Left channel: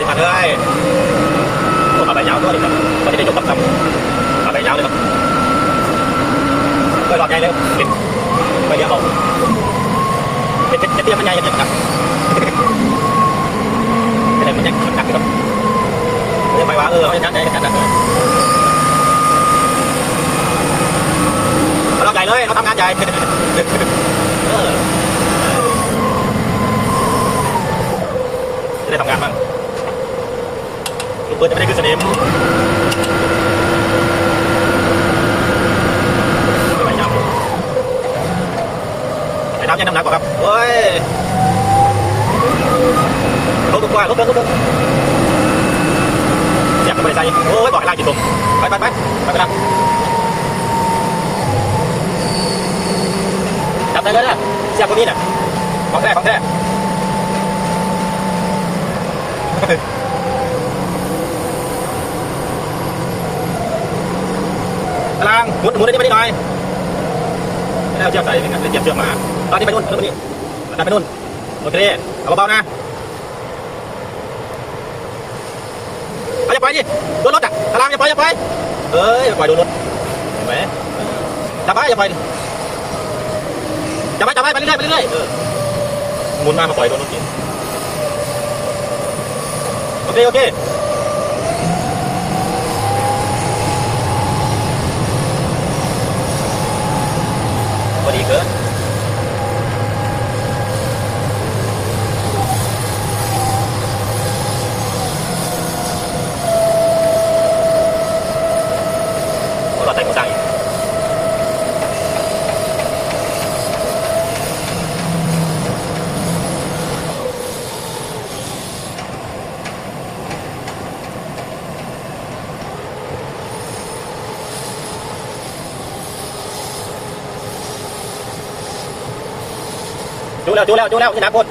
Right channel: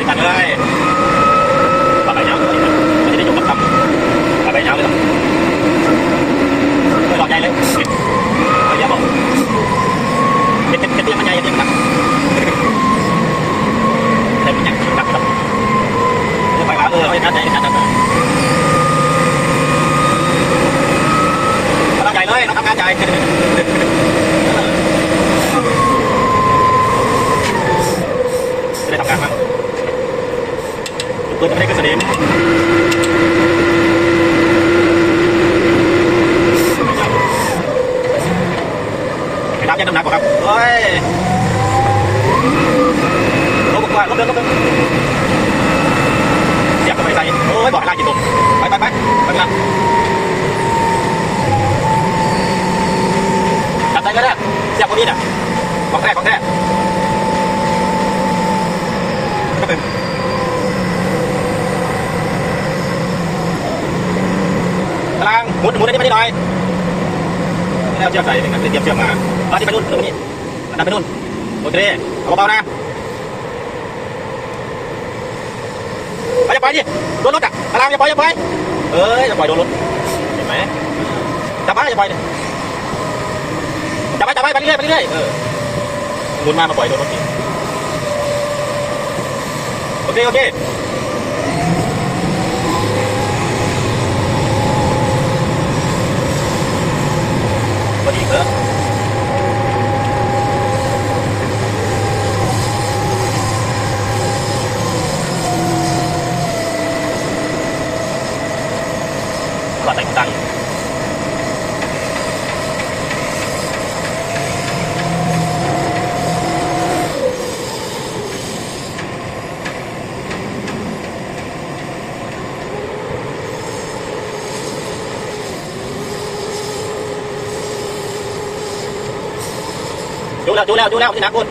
ที่ผ่านเลยขับไปยาวตัวนี้นะก็จะได้จบกับคำขับไปยาวเลยครับก็หลอดใหญ่เลยปิดไปเดี๋ยวบอกเจ็ดเจ็ดเจ็ดเตี้ยมันใหญ่ยังไงครับไม่ได้เป็นยังชิงกักครับเออไปว่าเออเราจะการใจกันนะเราใหญ่เลยเราทำงานใหญ่จะได้ทำงานบ้าง เปิดไม่ได้ขึ้นสนิมไปน้ำยังน้ำหนักกว่าครับเฮ้ยรถบุกว่ารถเดินรถเดินเสียบเข้าไปใส่โอ้ยบอกให้ลากกี่ตุ่มไปไปไปไปไปละจับได้เลยนะเสียบตรงนี้น่ะของแท้ของแท้ ตาราง หมุนหมุนได้ไม่ได้หน่อยไม่ได้เอาเชือกใส่กันเลยเตรียมเชือกมาตอนนี้ไปนู่นตรงนี้ดันไปนู่นโอเคเอาเบาๆนะเอาอย่าไปดิโดนรถอะตารางอย่าไปอย่าไปเอ้ยอย่าปล่อยโดนรถเห็นไหมจับไปอย่าปดิจับไปจับไปไปเรื่อยไปเรื่อยเออหมุนมามาปล่อยโดนรถดิโอเคโอเค พอดีเบิร์ดเราใส่หัวตังค์ดูแล้วดูแล้วดูแล้วนี่นะคุณ